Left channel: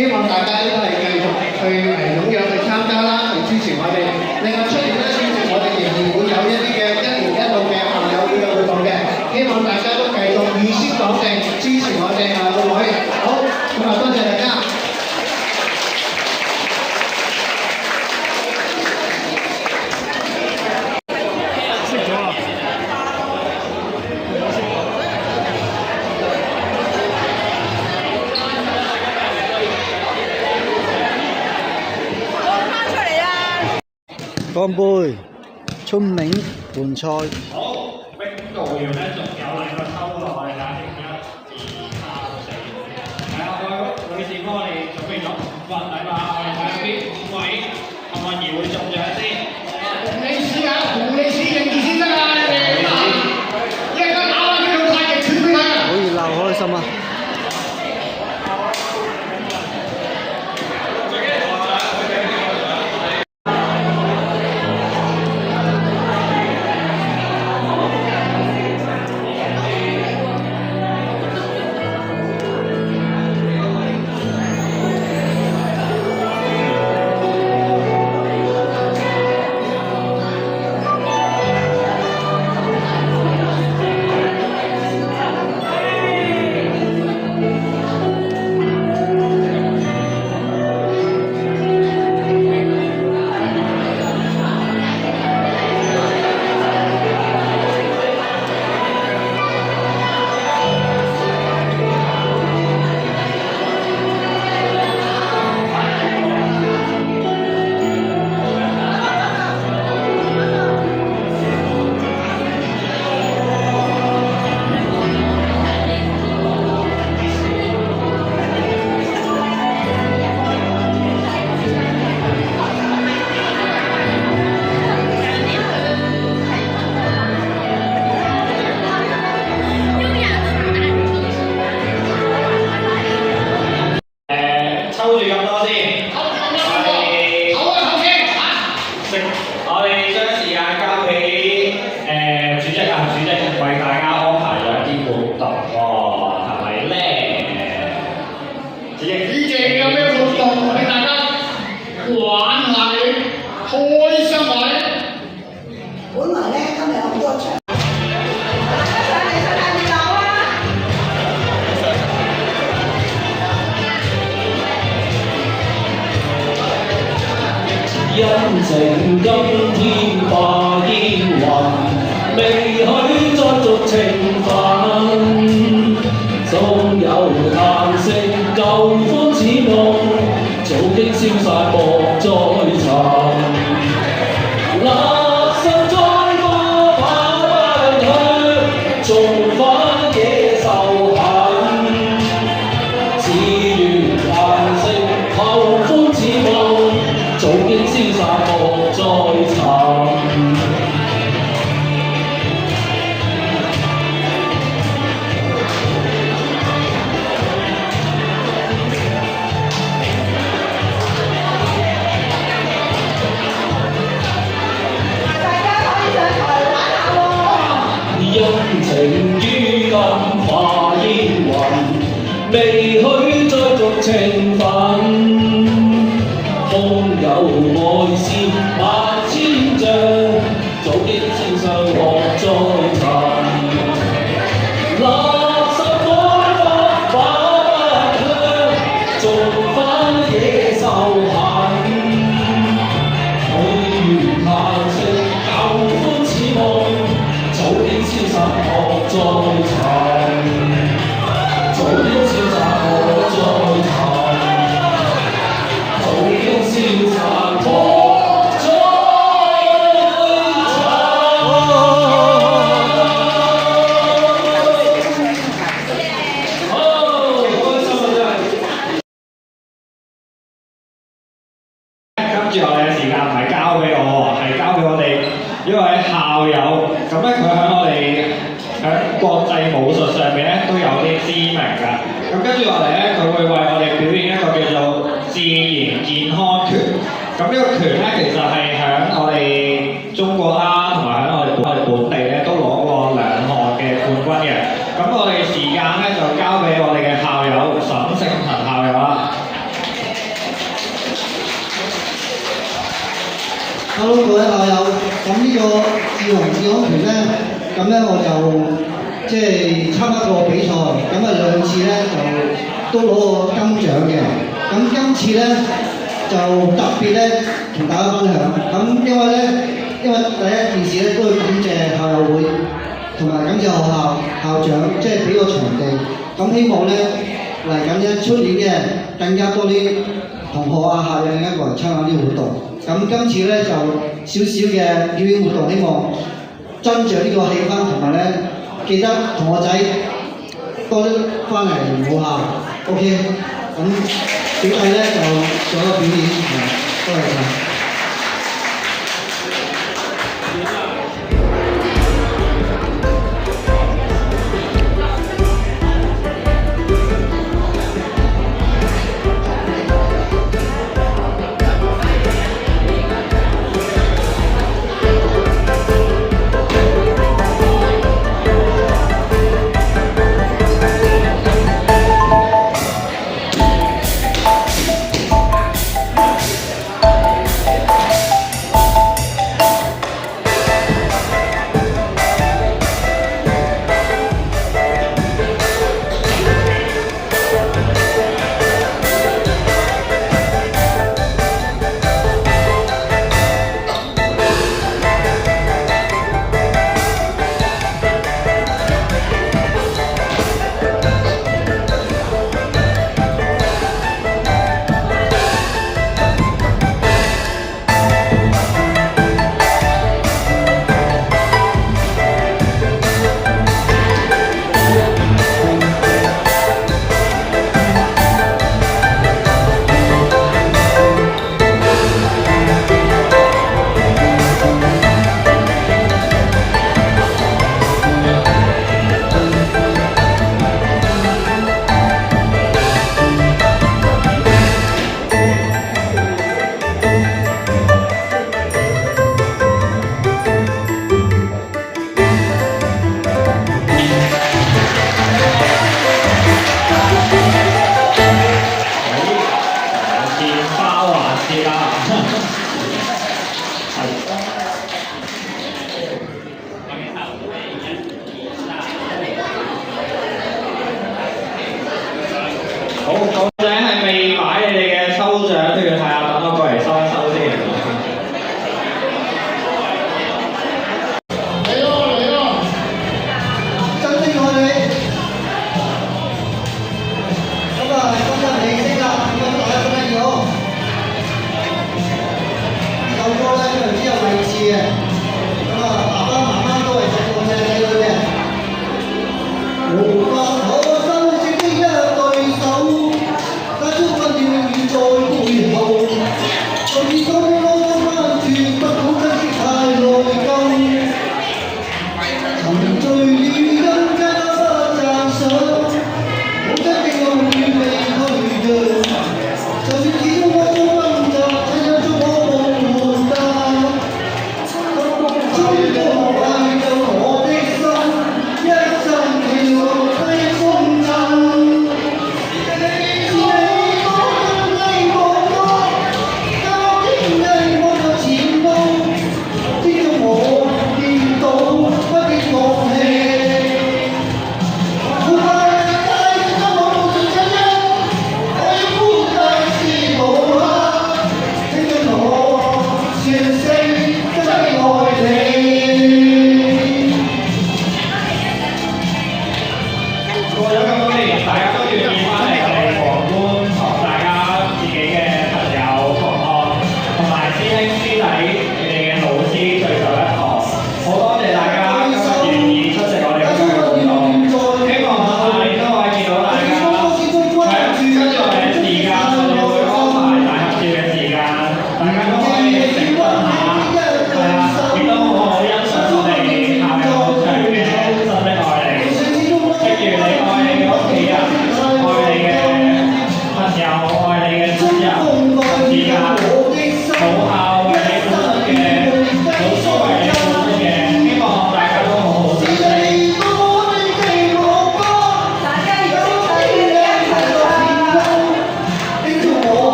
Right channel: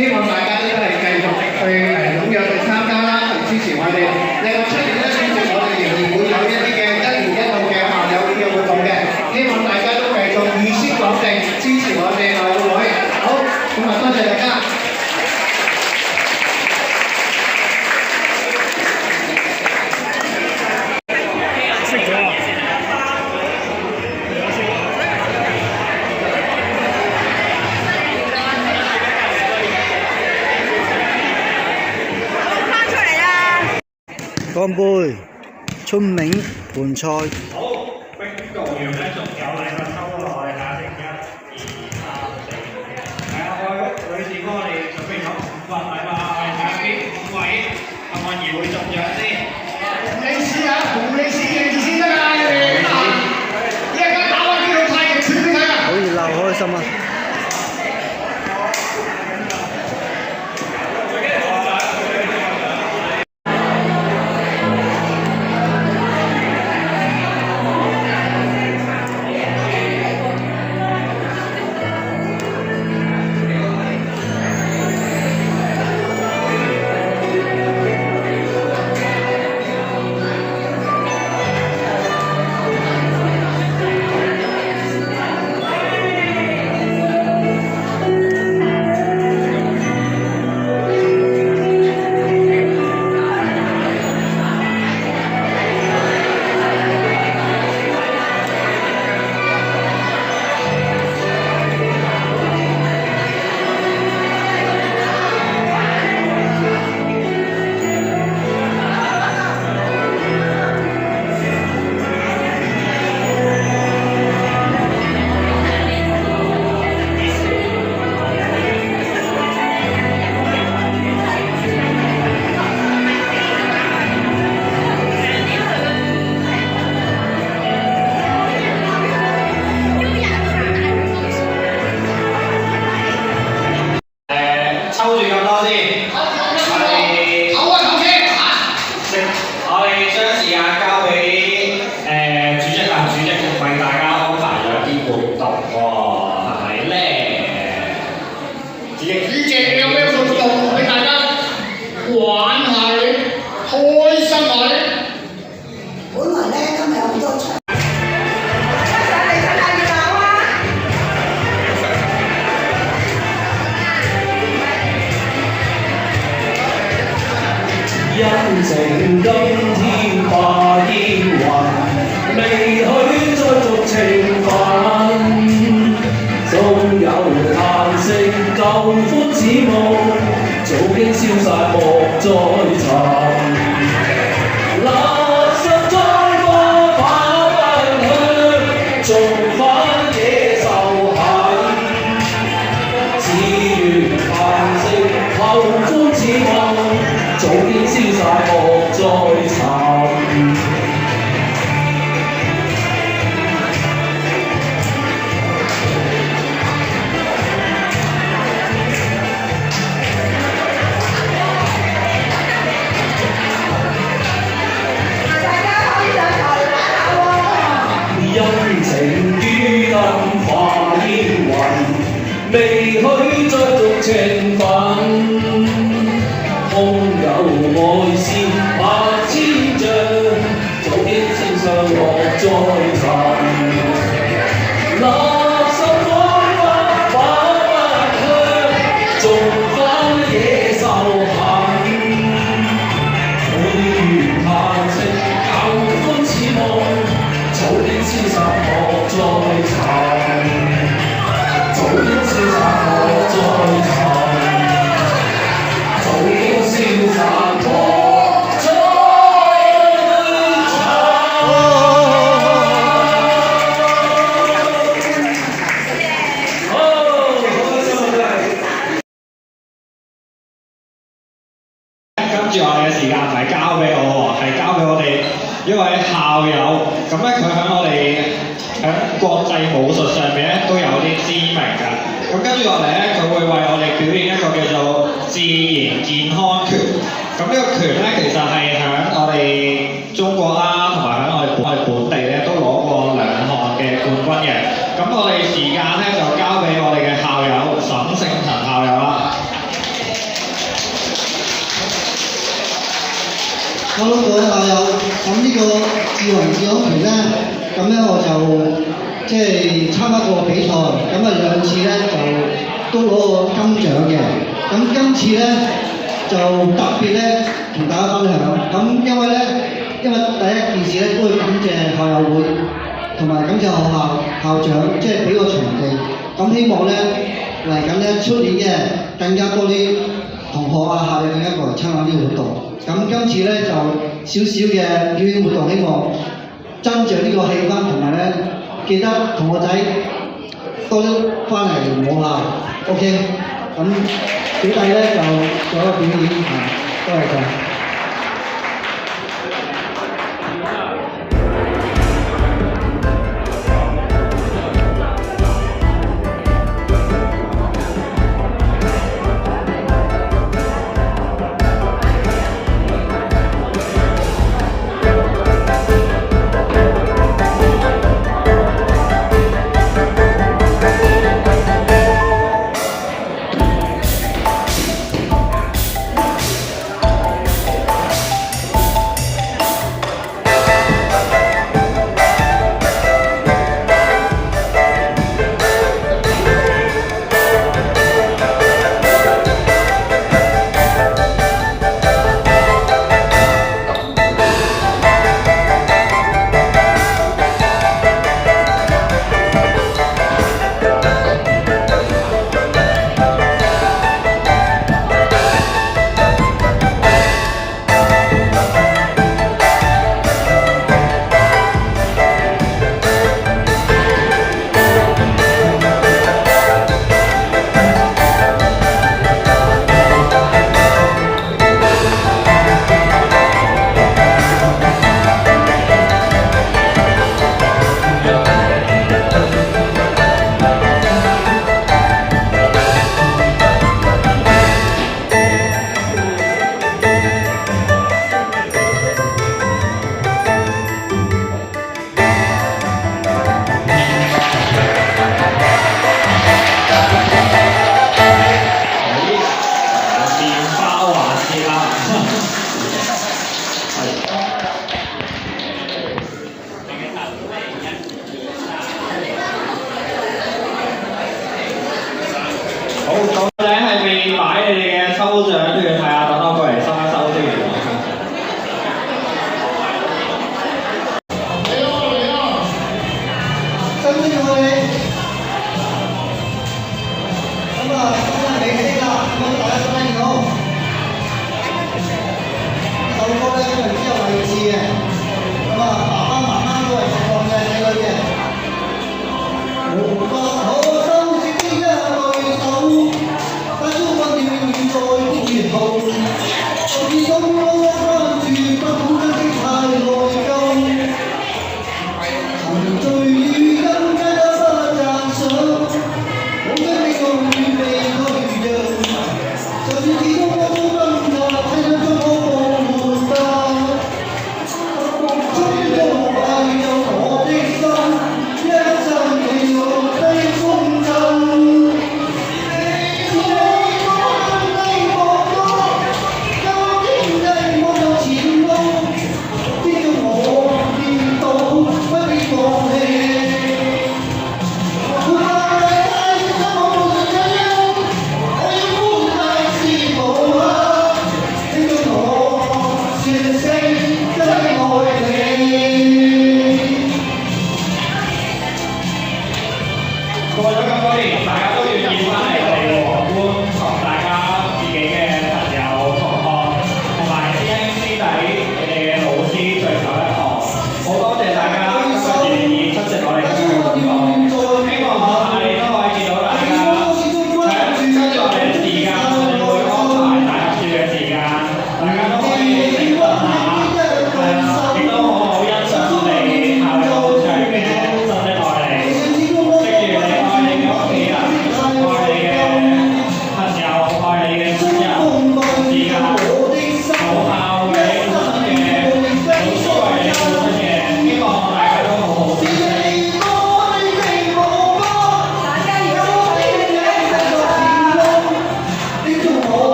希望大家都係繼續去踴躍去參加啦，去支持我哋。另外出年咧，其實我哋仍然會有一啲嘅一年一度嘅校友會嘅活動嘅，希望大家都繼續預先講定支持我哋個會。好，咁啊多謝大家。乾杯！春茗盤菜。好，冰道寮咧仲有兩個收落去嚇，女士幫我哋準備咗5份禮物，我哋睇下邊5位幸運兒會中獎先。洪理事啊，洪理事認住先得啊！你得閒，一陣間打翻呢套太極拳俾睇啊！好熱鬧，開心啊！抽住咁多先，我哋將時間交俾主席啊，主席為大家安排咗啲活動喎，係咪咧？主席有咩活動俾大家玩下你，開心下你？本來咧今日有好多場。因情今天化煙雲，未許再續情分。縱有嘆息，舊歡似夢，早經消散莫再尋。垃圾再多跑不去，重返野獸痕。只願嘆息，後歡似夢。早經消散莫再尋。大家可以上台玩下喎。因情於今化煙雲，未許再續情分。空有愛線百千丈，早經消散莫再尋。垃圾改不把不香，重返野獸痕。許願嘆息，舊歡似夢，早經消散莫再尋。早經消散莫再尋。早經消散莫再尋。跟住我哋嘅時間唔係交俾我喎，係交俾我哋一位校友。咁咧佢喺我哋喺國際武術上面咧都有啲知名㗎。咁跟住落嚟咧，佢會為我哋表演一個叫做自然健康拳。咁呢個拳咧其實係喺我哋中國啦，同埋喺我哋本地咧都攞過2項嘅冠軍嘅。咁我哋時間咧就交俾我哋嘅校友沈勝騰校友啦。考到過嘅校友，咁呢個志宏志康團咧，咁咧我就即係參加過比賽，咁啊2次咧就都攞過金獎嘅。咁今次咧就特別咧同大家分享，咁因為第一件事咧都要感謝校友會，同埋感謝學校校長，即係俾個場地。咁希望咧嚟緊咧出年嘅更加多啲同學啊校友更加過嚟參加呢個活動。咁今次咧就少少嘅表演活動，希望增長呢個氣氛，同埋咧記得同學仔多啲翻嚟我校 ，OK。咁小弟咧就做一個表演，多謝晒。好，到你